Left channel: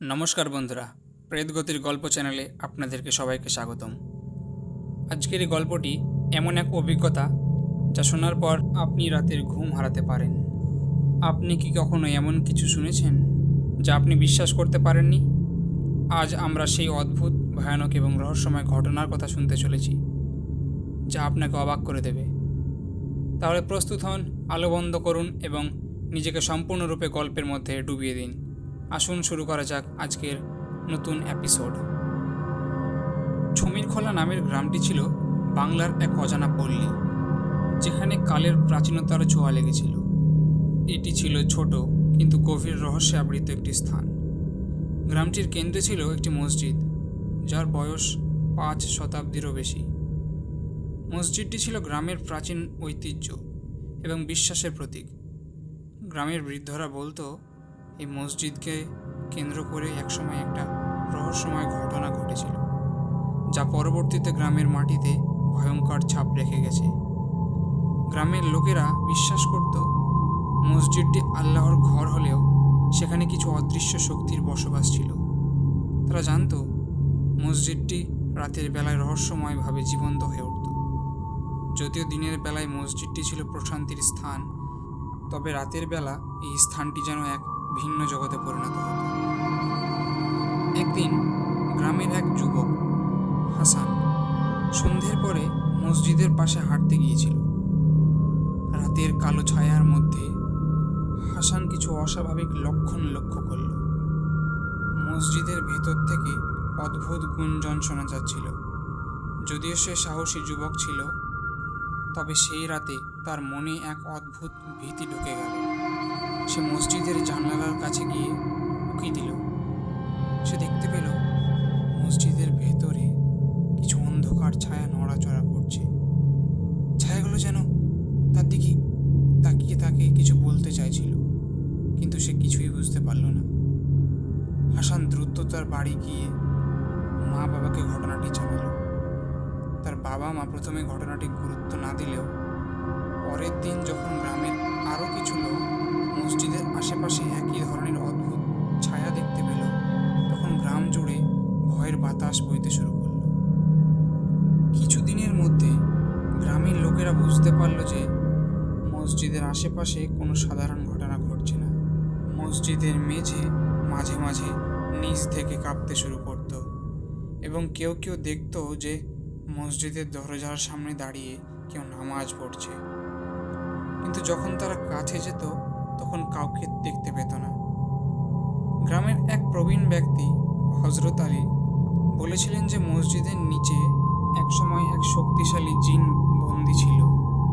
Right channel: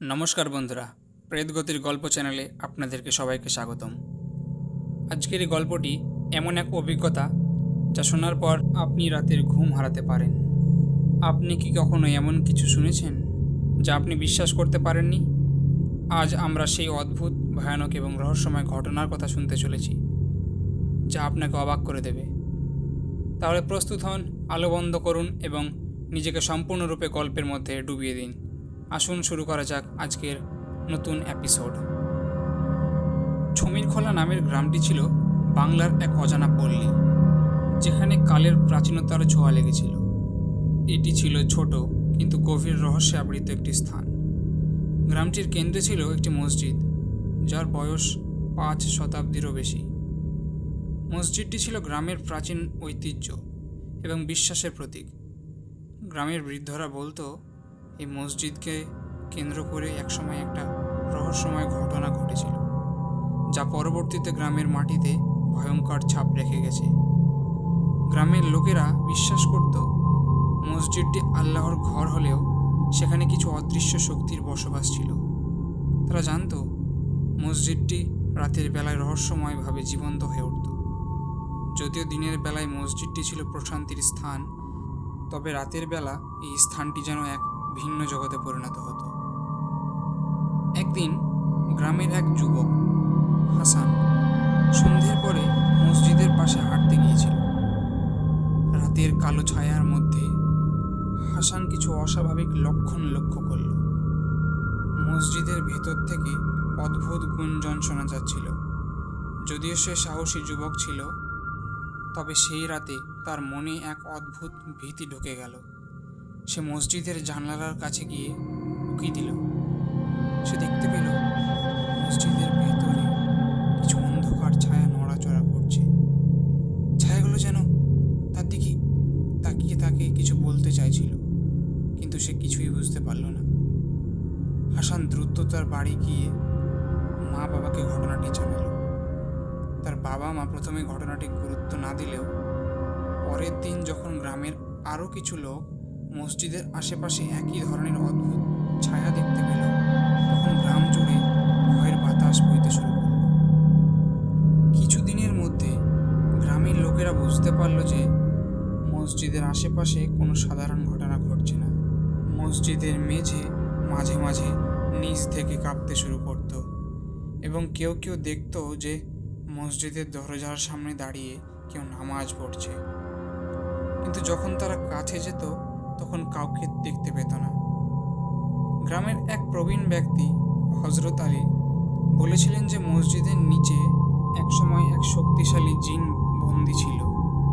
নমস্কার বন্ধুরা, প্রেতগতির গল্প চ্যানেলে আপনাদেরকে সবাইকে স্বাগতম। আজকের এই গল্পটি এমন এক অভিজ্ঞতা যা শোনার পর আপনি রাতের ঘুম হারাতে পারেন। আপনি কি কখনো এমন কিছু শুনেছেন যা আপনি বিশ্বাস করতে পারেননি? আজ আমরা সেই অদ্ভুত, ভয়ানক এবং রহস্যময় ঘটনার কথা শুনতে চলেছি, যা আপনাকে অবাক করে দেবে। তাহলে প্রস্তুত হন, আলো বন্ধ করুন এবং নিজেকে সম্পূর্ণরূপে গল্পের মধ্যে ডুবিয়ে দিন। আসুন শুরু করা যাক আজকের নতুন এপিসোড। ছমিরখোলা নামের গ্রামটি ছিল বাংলার এক অজানা পল্লী, যেখানে কালের প্রাচীনতার ছোঁয়া লেগেছিল। এটি ছিল ছোট কিন্তু গভীর রহস্যে আবৃত একটি স্থান। গ্রামটির কেন্দ্রে ছিল একটি মসজিদ, যার বয়স 5 শতাব্দীরও বেশি। মসজিদটি ছিল গ্রামের প্রাচীন ঐতিহ্য এবং বিশ্বাসের প্রতীক। গ্রামের বৃদ্ধরা বলতো, এই মসজিদকে কেন্দ্র করে একসময় একটা রহস্যময় ঘটনা ঘটেছিল, যা পরবর্তীতে গ্রামের মাটিতে ভয়ঙ্কর ছাপ রেখে গেছে। গ্রামের লোকেরা বিশ্বাস করত, মসজিদটি আল্লাহর ঘর হলেও সেখানে কিছু অদৃশ্য শক্তির বসবাস ছিল। তারা জানত, মসজিদটি রাতের বেলায় রহস্যময়ভাবে জীবন্ত হয়ে উঠত। যদিও দিনের বেলায় মসজিদটি ছিল প্রশান্তির স্থান, তবে রাতের বেলা এই স্থানটি যেন এক ভিন্ন জগতে পরিণত হতো। একদিন গ্রামের এক যুবক হাসান সন্ধ্যের পরে মসজিদের পাশে হাঁটতে গিয়েছিল। রাতের কালো ছায়ার মধ্যে হাসান কিছু অস্বাভাবিক লক্ষণ লক্ষ্য করল। মসজিদের ভেতর থেকে অদ্ভুত গুঞ্জন শোনা যাচ্ছিল। যদিও সে সাহসী যুবক ছিল, তবে সেই রাতে তার মনে এক অদ্ভুত ভীতি ঢুকে গেল। সে মসজিদের জানালার কাছে গিয়ে উকি দিল। সে দেখতে পেল মসজিদের ভেতরে কিছু অন্ধকার ছায়া নড়াচড়া করছে। ছায়াগুলো যেন তার দিকে তাকিয়ে তাকে কিছু বলতে চাইছিল, কিন্তু সে কিছুই বুঝতে পারল না। হাসান দ্রুত তার বাড়ি গিয়ে মা বাবাকে ঘটনাটি জানাল। তার বাবা মা প্রথমে ঘটনাটি গুরুত্ব না দিলেও পরের দিন যখন গ্রামের আরও কিছু লোক মসজিদের আশেপাশে একই ধরনের অদ্ভুত ছায়া দেখতে পেল, তখন গ্রাম জুড়ে ভয়ের বাতাস বইতে শুরু করল। কিছুদিনের মধ্যে গ্রামের লোকেরা বুঝতে পারল যে মসজিদের আশেপাশে কোনো সাধারণ ঘটনা ঘটছে না। মসজিদের মেঝে মাঝে মাঝে নিচ থেকে কাঁপতে শুরু করত এবং কেউ কেউ দেখত যে মসজিদের দরজার সামনে দাঁড়িয়ে কেউ নামাজ পড়ছে। কিন্তু যখন তারা কাছে যেত তখন কাউকে দেখতে পেত না। গ্রামের এক প্রবীণ ব্যক্তি হযরত আলী বলেছিলেন যে মসজিদের নিচে একসময় এক শক্তিশালী জিন বন্দী ছিল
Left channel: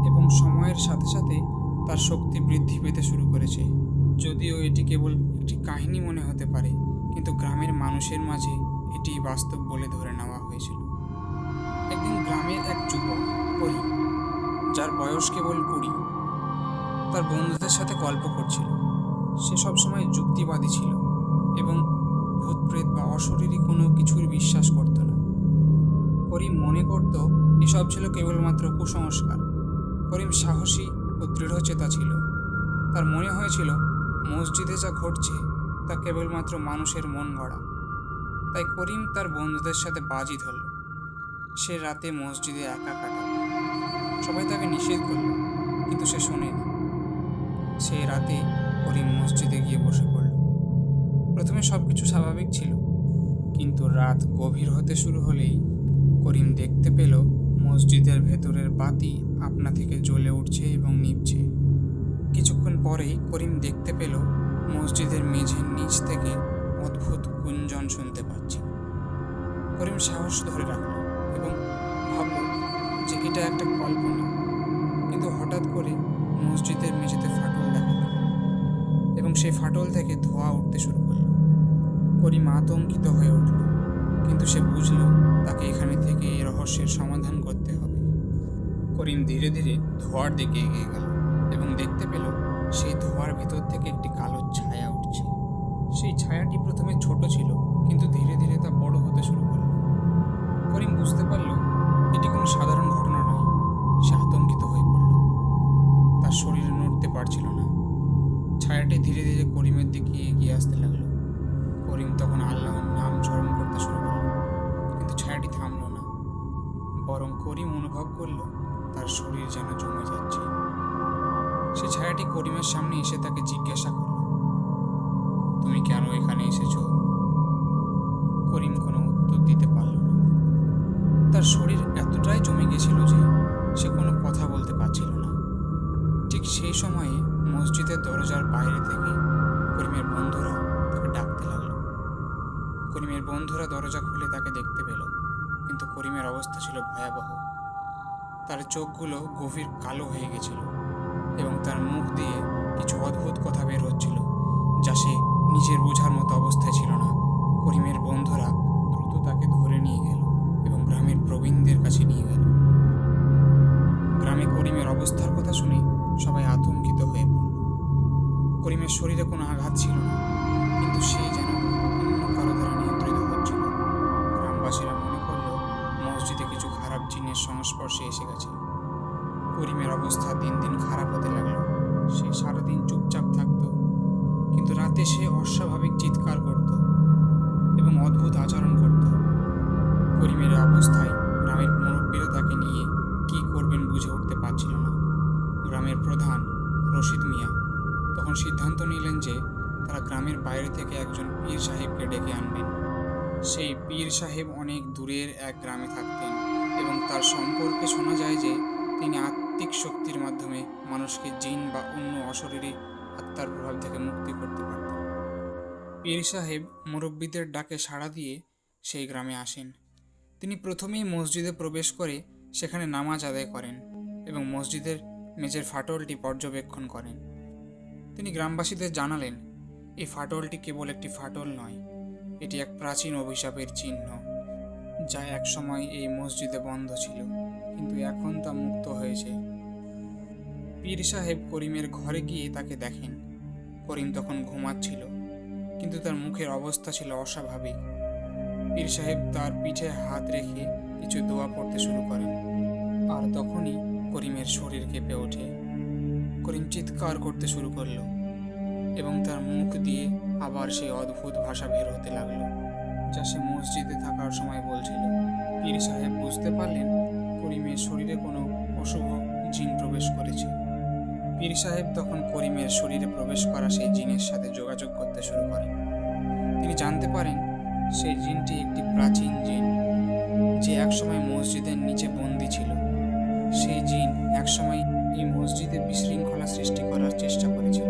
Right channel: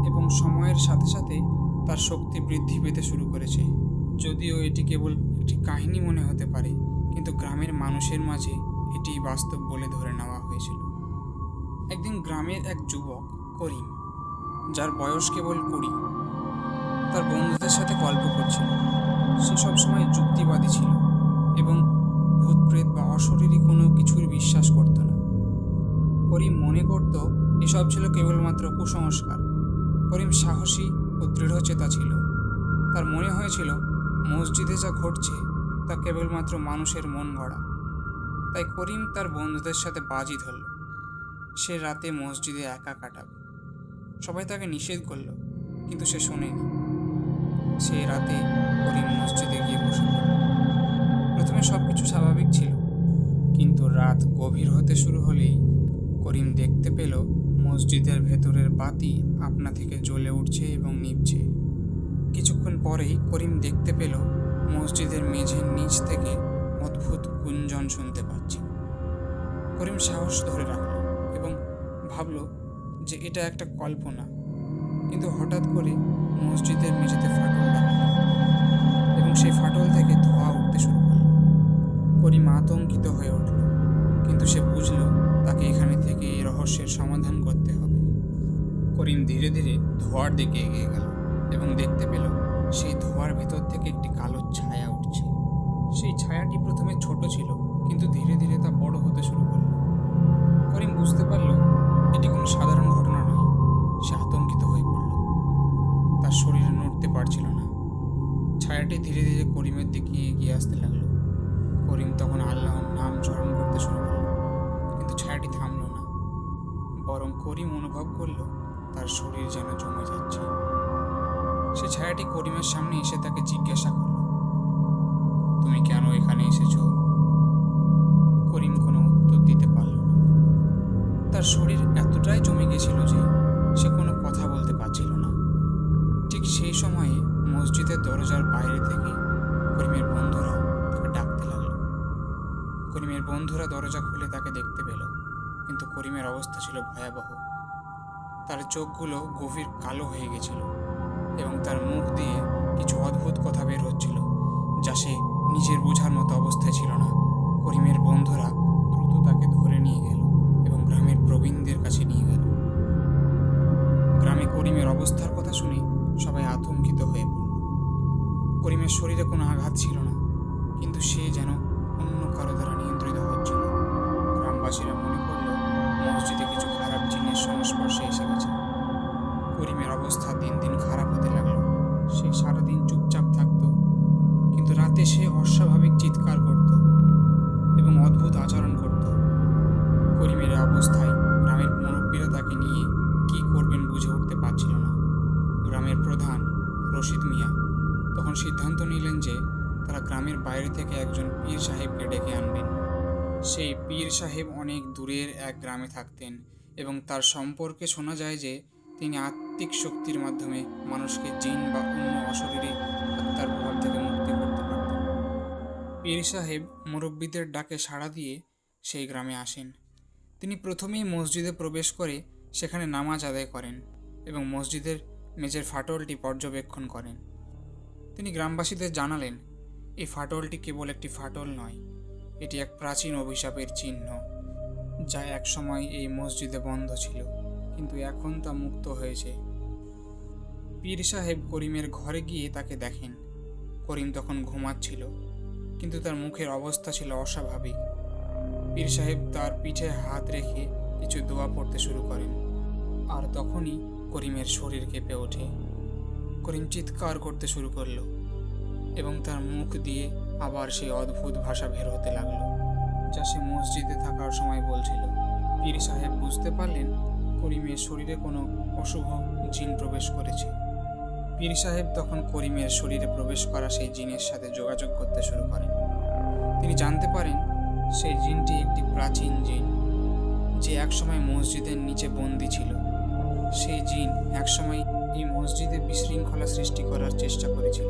এবং সময়ের সাথে সাথে তার শক্তি বৃদ্ধি পেতে শুরু করেছে। যদিও এটি কেবল একটি কাহিনী মনে হতে পারে, কিন্তু গ্রামের মানুষের মাঝে এটি বাস্তব বলে ধরে নেওয়া হয়েছিল। একদিন গ্রামের এক যুবক করিম, যার বয়স কেবল 20, তার বন্ধুদের সাথে গল্প করছিল। সে সবসময় যুক্তিবাদী ছিল এবং ভূত প্রেত বা অশরীরী কোনো কিছুর বিশ্বাস করত না। করিম মনে করত এসব ছিল কেবলমাত্র কুসংস্কার। করিম সাহসী ও দৃঢ়চেতা ছিল। তার মনে হয়েছিল মসজিদে যা ঘটছে তা কেবলমাত্র মানুষের মন গড়া। তাই করিম তার বন্ধুদের সাথে বাজি ধরল, সে রাতে মসজিদে একা কাটাবে। সবাই তাকে নিষেধ করল, কিন্তু সে শোনেনি। সেই রাতে করিম মসজিদে গিয়ে বসে পড়ল। প্রথমে সব কিছু স্বাভাবিক ছিল, কিন্তু রাত গভীর হতে শুরু হলেই করিম দেখতে পেল মসজিদের ভেতরের বাতি আপনা থেকে জ্বলে উঠছে এবং নিভছে। কিছুক্ষণ পরেই করিম দেখতে পেল মসজিদের মেঝের নিচ থেকে অদ্ভুত গুঞ্জন শুনতে পাচ্ছে। করিম সাহস ধরে রাখল এবং ভাবল যে এটা একটা কল্পনা। কিন্তু হঠাৎ করে মসজিদের মেঝেতে ফাটল দেখা গেল এবং সেই ফাটল থেকে ধোঁয়া উঠতে শুরু করল। করিম আতঙ্কিত হয়ে উঠল, কিন্তু সে বুঝল তাকে এখানে থেকে এই রহস্যের সমাধান করতে হবে। করিম ধীরে ধীরে ধোঁয়ার দিকে এগিয়ে গেল এবং দেখতে পেল সেই ধোঁয়ার ভেতর থেকে একটি কালো ছায়া উঠছে। সেই ছায়াটি প্রথমে ছোট ছিল, কিন্তু ধীরে ধীরে তা বড় হতে শুরু করল। করিম বুঝতে পারল এটি কোনো সাধারণ ঘটনা নয়। সে আতঙ্কিত হয়ে পড়ল, তার শরীরে নড়তে পারছিল না। ছায়াটি ধীরে ধীরে করিমের দিকে এগিয়ে আসতে লাগলো। করিম তখন আল্লাহর নাম স্মরণ করতে শুরু করল, কিন্তু ছায়াটি থামল না। বরং করিম অনুভব করল তার শরীর যেন জমে যাচ্ছে। সে ছায়াটি করিমের সামনে এসে তাকে জিজ্ঞাসা করল, তুমি কেন এখানে এসেছো? করিম কোনো উত্তর দিতে পারল না। তার শরীর এতটাই জমে গেছিল যে সে কোনো কথা বলতে পারছিল না। ঠিক সেই সময়ে মসজিদের দরজার বাইরে থেকে করিমের বন্ধুরা তাকে ডাকতে লাগলো। করিমের বন্ধুরা দরজা খুলে তাকে দেখতে পেল, কিন্তু করিমের অবস্থা ছিল ভয়াবহ। তার চোখগুলো গভীর কালো হয়ে গেছিল এবং তার মুখ দিয়ে কিছু অদ্ভুত কথা বের হচ্ছিল, যা সে নিজের বোঝার মতো অবস্থায় ছিল না। করিমের বন্ধুরা দ্রুত তাকে ধরে নিয়ে গেল এবং গ্রামের প্রবীণদের কাছে নিয়ে গেল। গ্রামে করিমের অবস্থার কথা শুনে সবাই আতঙ্কিত হয়ে পড়ল। করিমের শরীরে কোনো আঘাত ছিল না, কিন্তু সে যেন অন্য কারো দ্বারা নিয়ন্ত্রিত হচ্ছিল। গ্রামবাসীরা মনে করল মসজিদে কিছু খারাপ জিনের সংস্পর্শে এসে গেছে। করিমের অবস্থা দিন দিন খারাপ হতে লাগলো। সে সারাদিন চুপচাপ থাকত, কিন্তু রাতে সে অস্বাভাবিক চিৎকার করত এবং অদ্ভুত আচরণ করত। করিমের অবস্থায় গ্রামের মুরব্বীরা তাকে নিয়ে কি করবেন বুঝে উঠতে পারছিল না। গ্রামের প্রধান রশিদ মিয়া তখন সিদ্ধান্ত নিলেন যে তারা গ্রামের বাইরে থেকে একজন পীর সাহেবকে ডেকে আনবেন। সেই পীর সাহেব অনেক দূরের এক গ্রামে থাকতেন এবং তার সম্পর্কে শোনা যায় যে তিনি আত্মিক শক্তির মাধ্যমে মানুষকে জিন বা অন্য অশরীরী আত্মার প্রভাব থেকে মুক্তি করতে পারতেন। পীর সাহেব মুরব্বীদের ডাকে সাড়া দিয়ে সেই গ্রামে আসেন। তিনি প্রথমেই মসজিদে প্রবেশ করে সেখানে নামাজ আদায় করেন এবং মসজিদের মেঝের ফাটলটি পর্যবেক্ষণ করেন। তিনি গ্রামবাসীদের জানালেন, এই ফাটলটি কেবল একটি ফাটল নয়, এটি এক প্রাচীন অভিশাপের চিহ্ন, যা একসময় এই মসজিদে বন্ধ ছিল, কিন্তু এখন তা মুক্ত হয়েছে। পীর সাহেব করিমের ঘরে গিয়ে তাকে দেখেন। করিম তখন ঘুমাচ্ছিল, কিন্তু তার মুখের অবস্থা ছিল অস্বাভাবিক। পীর সাহেব তার পিঠে হাত রেখে কিছু দোয়া পড়তে শুরু করেন, আর তখনই করিমের শরীর কেঁপে ওঠে। করিম চিৎকার করতে শুরু করলো এবং তার মুখ দিয়ে আবার সেই অদ্ভুত ভাষা বের হতে লাগলো, যা সে মসজিদে থাকার সময় বলছিল। পীর সাহেব বুঝতে পারলেন করিমের শরীরে কোনো অশুভ জিন প্রবেশ করেছে। পীর সাহেব তখন করিমের শরীরে প্রবেশ করা সেই জিনের সাথে যোগাযোগ করতে শুরু করেন। তিনি জানতে পারেন সেই জিনটি একটি প্রাচীন জিন, যে একসময় মসজিদের নিচে বন্দী ছিল। সেই জিন একসময় এই মসজিদে বিশৃঙ্খলা সৃষ্টি করার চেষ্টা করেছিল,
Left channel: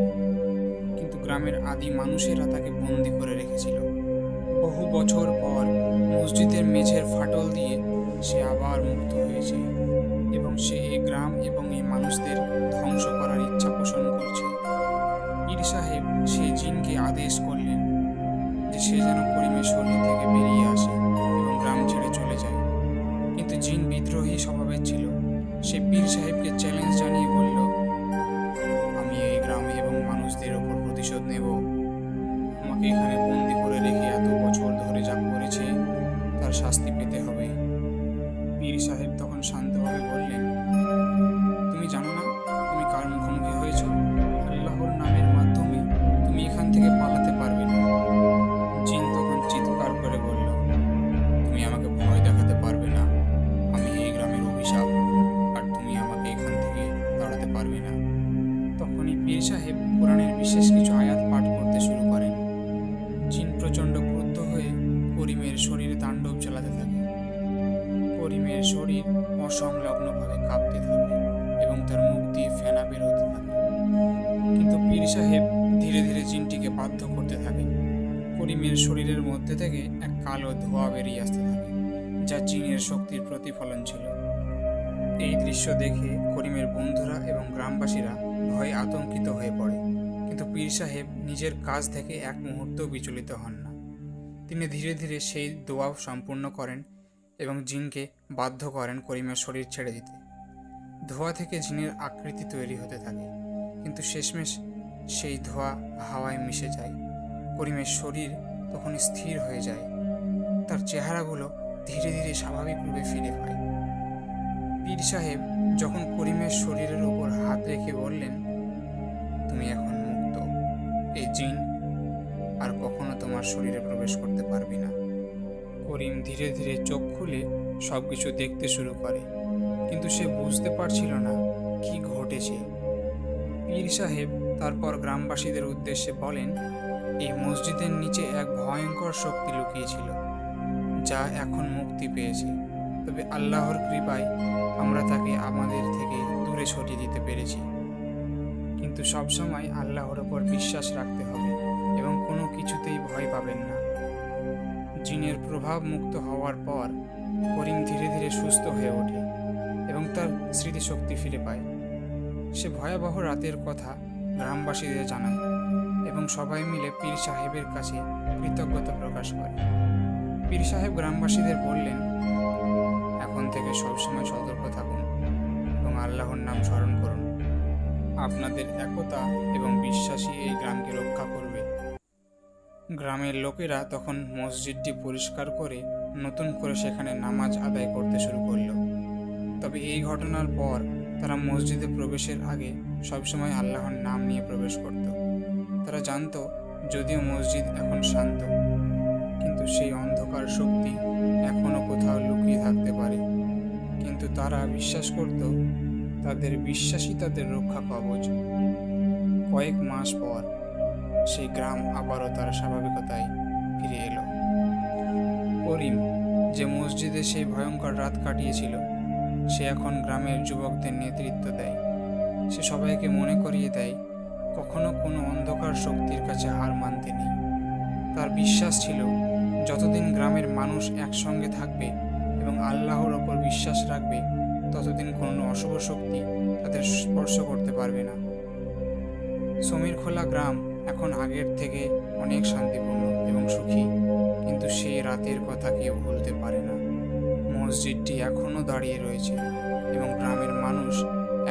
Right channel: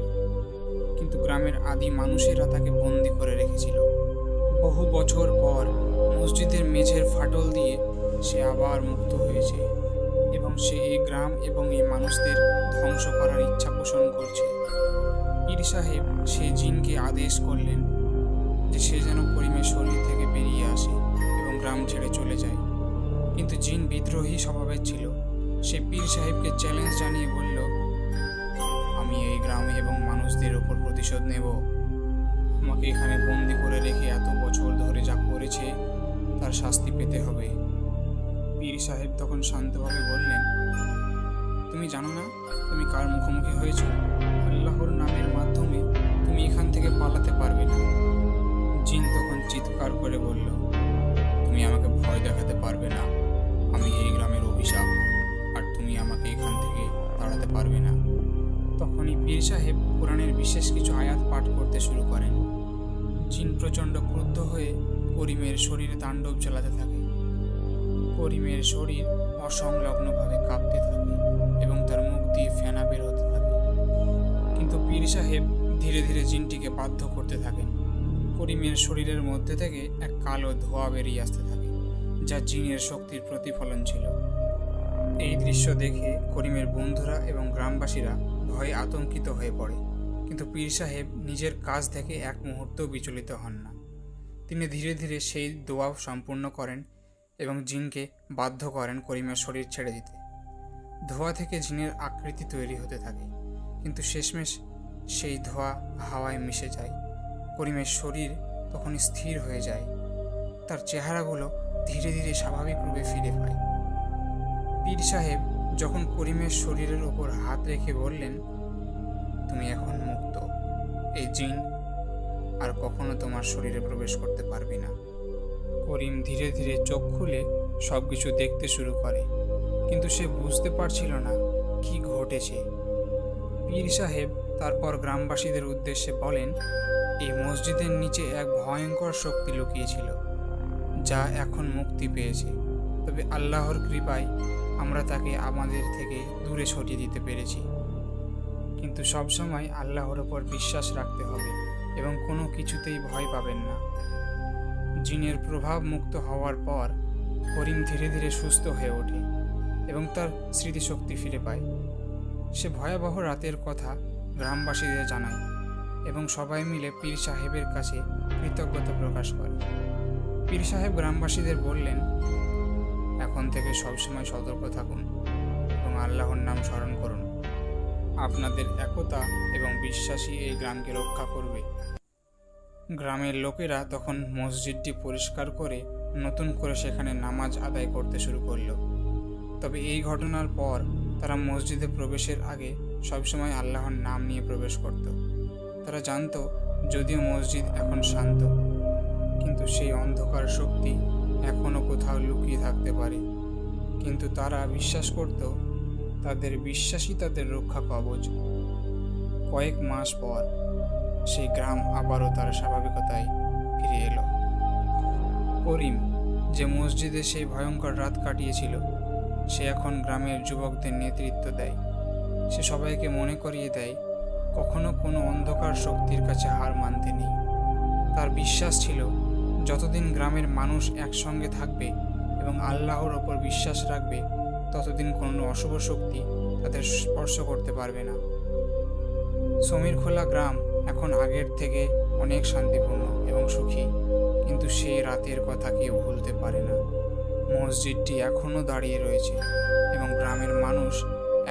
কিন্তু গ্রামের আদি মানুষেরা তাকে বন্দী করে রেখেছিল। বহু বছর পর মসজিদের মেঝের ফাটল দিয়ে সে আবার মুক্ত হয়েছে এবং সে এই গ্রাম এবং এই মানুষদের ধ্বংস করার ইচ্ছা পোষণ করছে। পীর সাহেব সেই জিনকে আদেশ করলেন যে সে যেন করিমের শরীর থেকে বেরিয়ে আসে এবং গ্রাম ছেড়ে চলে যায়, কিন্তু জিন বিদ্রোহী স্বভাবের ছিল। সে পীর সাহেবকে চ্যালেঞ্জ জানিয়ে বলল, আমি এই গ্রামে এবং মানুষদের ওপর প্রতিশোধ নেব। আমাকে এখানে বন্দি করে রেখে এত বছর ধরে যা করেছে তার শাস্তি পেতে হবে। পীর সাহেব তখন শান্তভাবে বললেন, তুমি জানো না তুমি কার মুখোমুখি হয়েছ? আল্লাহর নামের মাধ্যমে তুমি এখান থেকে পালাতে পারবে না। জিন তখন চিৎকার করে বলল, তুমি আমাকে ভয় দেখাতে পারবে না। আমি এই গ্রামের অভিশাপ, আর তুমি আমাকে এখান থেকে তাড়াতে পারবে না। তখনই পীর সাহেব কোরআনের বিশেষ কিছু আয়াত পাঠ করতে শুরু করেন। জিন প্রচণ্ড ক্রুদ্ধ হয়ে করিমের শরীরে তাণ্ডব চালাতে থাকে। করিমের শরীর অসংলগ্নভাবে কাঁপতে থাকে এবং তার মুখ দিয়ে ফেনা বের হতে থাকে, কিন্তু পীর সাহেব ধীরে ধীরে জিনটিকে বাধ্য করতে থাকেন। করিমের শরীরের মধ্যে থেকে এক কালো ধোঁয়া বেরিয়ে আসতে থাকে, যা জিনের শক্তির প্রতিফলন ছিল। এই দৃশ্য দেখে করিমের বন্ধুরা এবং গ্রামবাসীরা ভয়ে আতঙ্কিত হয়ে পড়ে, কিন্তু পীর সাহেব নিজের কাজ থেকে এক মুহূর্তও বিচলিত হন না। তিনি ধীরে ধীরে সেই দোয়া সম্পূর্ণ করেন এবং জিনকে বাধ্য করেন করিমের শরীর ছেড়ে দিতে। ধোঁয়া থেকে জিনের আকৃতি তৈরি হতে থাকে, কিন্তু শেষমেশ সেই ধোঁয়া হাওয়ায় মিশে যায়। করিমের শরীর তখন স্থির হয়ে যায়, তার চেহারাগুলো ধীরে ধীরে স্বাভাবিক রূপে ফিরে পায়। পীর সাহেব যখন করিমের শরীরের ওপর হাত রেখে বললেন, তুমি এখন মুক্ত। এই জিন আর কখনো তোমার শরীরে প্রবেশ করতে পারবে না। করিম ধীরে ধীরে চোখ খুলে সব কিছু দেখতে শুরু করে, কিন্তু সে বুঝতে পারছিল না কি ঘটেছে। পীর সাহেব তারপর গ্রামবাসীদের উদ্দেশ্যে বলেন, এই মসজিদের নিচে এক ভয়ঙ্কর শক্তি লুকিয়েছিল, যা এখন মুক্তি পেয়েছে। তবে আল্লাহর কৃপায় আমরা তাকে আমাদের থেকে দূরে সরিয়ে দিতে পেরেছি। কিন্তু সবসময় আল্লাহর ওপর বিশ্বাস রাখতে হবে এবং কোনো কিছুতেই ভয় পাবেন না। জিনের প্রভাব মুক্ত হওয়ার পর করিম ধীরে ধীরে সুস্থ হয়ে ওঠে এবং তার স্মৃতিশক্তি ফিরে পায়। সে ভয়াবহ রাতের কথা গ্রামবাসীদের জানায় এবং সবাই মিলে পীর সাহেবের কাছে কৃতজ্ঞতা প্রকাশ করে। পীর সাহেব গ্রামবাসীদের বললেন, এখন থেকে সবসময় সতর্ক থাকুন এবং আল্লাহর নাম স্মরণ করুন। আপনাদের একতা এবং বিশ্বাসই এই গ্রামকে রক্ষা করবে। গ্রামের লোকেরা তখন মসজিদটি পরিষ্কার করে নতুন করে সেখানে নামাজ আদায় করতে শুরু করল। তবে এই ঘটনার পর তারা মসজিদে প্রবেশের আগে সবসময় আল্লাহর নাম নিয়ে প্রবেশ করত। তারা জানত যদিও মসজিদ এখন শান্ত, কিন্তু সেই অন্ধকার শক্তি এখনও কোথাও লুকিয়ে থাকতে পারে। কিন্তু তারা বিশ্বাস করত তাদের বিশ্বাসই তাদের রক্ষা কবচ। কয়েক মাস পর সেই গ্রাম আবারও তার স্বাভাবিকতায় ফিরে এলো। করিম, যে মসজিদে সেই ভয়ঙ্কর রাত কাটিয়েছিল, সে এখন গ্রামের যুবকদের নেতৃত্ব দেয়। সে সবাইকে মনে করিয়ে দেয় কখনো কোনো অন্ধকার শক্তির কাছে হার মানতে নেই। তার বিশ্বাস ছিল যতদিন গ্রামের মানুষ একসঙ্গে থাকবে এবং আল্লাহর ওপর বিশ্বাস রাখবে, ততদিন কোনো অশুভ শক্তি তাদের স্পর্শ করতে পারবে না। সমীরখোলা গ্রাম এখন আগের থেকে অনেক শান্তিপূর্ণ এবং সুখী, কিন্তু সেই রাতের কথা কেউ ভুলতে পারে না। মসজিদটি এখনও দাঁড়িয়ে রয়েছে এবং গ্রামের মানুষ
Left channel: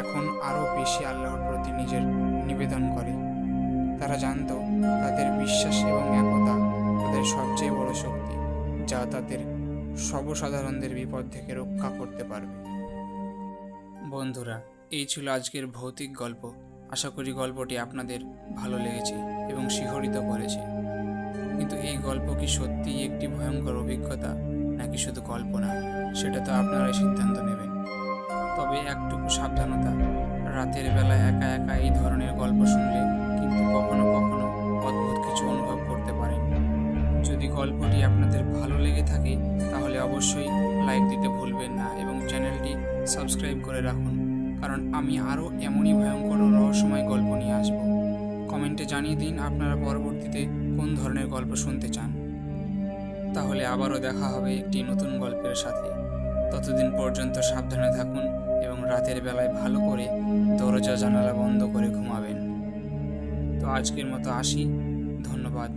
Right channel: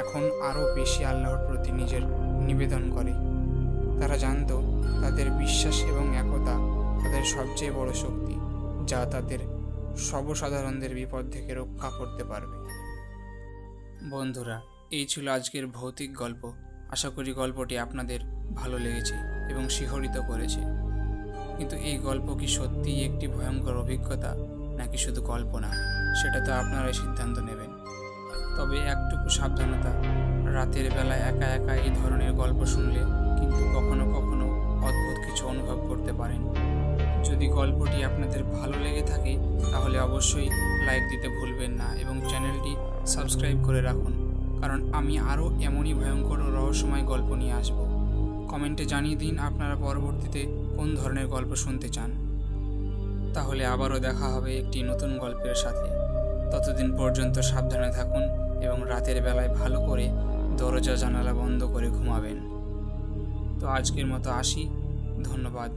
এখন আরও বেশি আল্লাহর প্রতি নিজের নিবেদন করে। তারা জানত তাদের বিশ্বাস এবং একতা তাদের সবচেয়ে বড় শক্তি, যা তাদের সর্বসাধারণদের বিপদ থেকে রক্ষা করতে পারবে। বন্ধুরা, এই ছিল আজকের ভৌতিক গল্প। আশা করি গল্পটি আপনাদের ভালো লেগেছে এবং শিহরিত করেছে। কিন্তু এই গল্প কি সত্যিই একটি ভয়ঙ্কর অভিজ্ঞতা নাকি শুধু কল্পনা, সেটা তো আপনারাই সিদ্ধান্ত নেবেন। তবে একটুকু সাবধানতা, রাতের বেলা একা একা এই ধরনের গল্প শুনলে কিন্তু কখনো কখনো অদ্ভুত কিছু অনুভব করতে পারেন। যদি গল্পটি আপনাদের ভালো লেগে থাকে তাহলে অবশ্যই লাইক দিতে ভুলবেন না এবং চ্যানেলটি সাবস্ক্রাইব করে রাখুন, কারণ আমি আরও এমনই ভয়ঙ্কর ও রহস্যময় গল্প নিয়ে আসব। কমেন্টে জানিয়ে দিন আপনারা পরবর্তীতে কোন ধরনের গল্প শুনতে চান। তাহলে আবারও দেখা হবে একটি নতুন গল্পের সাথে। ততদিন পর্যন্ত সাবধানে থাকুন এবং রাতের বেলায় ভালো করে দরজা জানালা বন্ধ করে ঘুমাবেন। তো আজকের মতো আসি, ধন্যবাদ।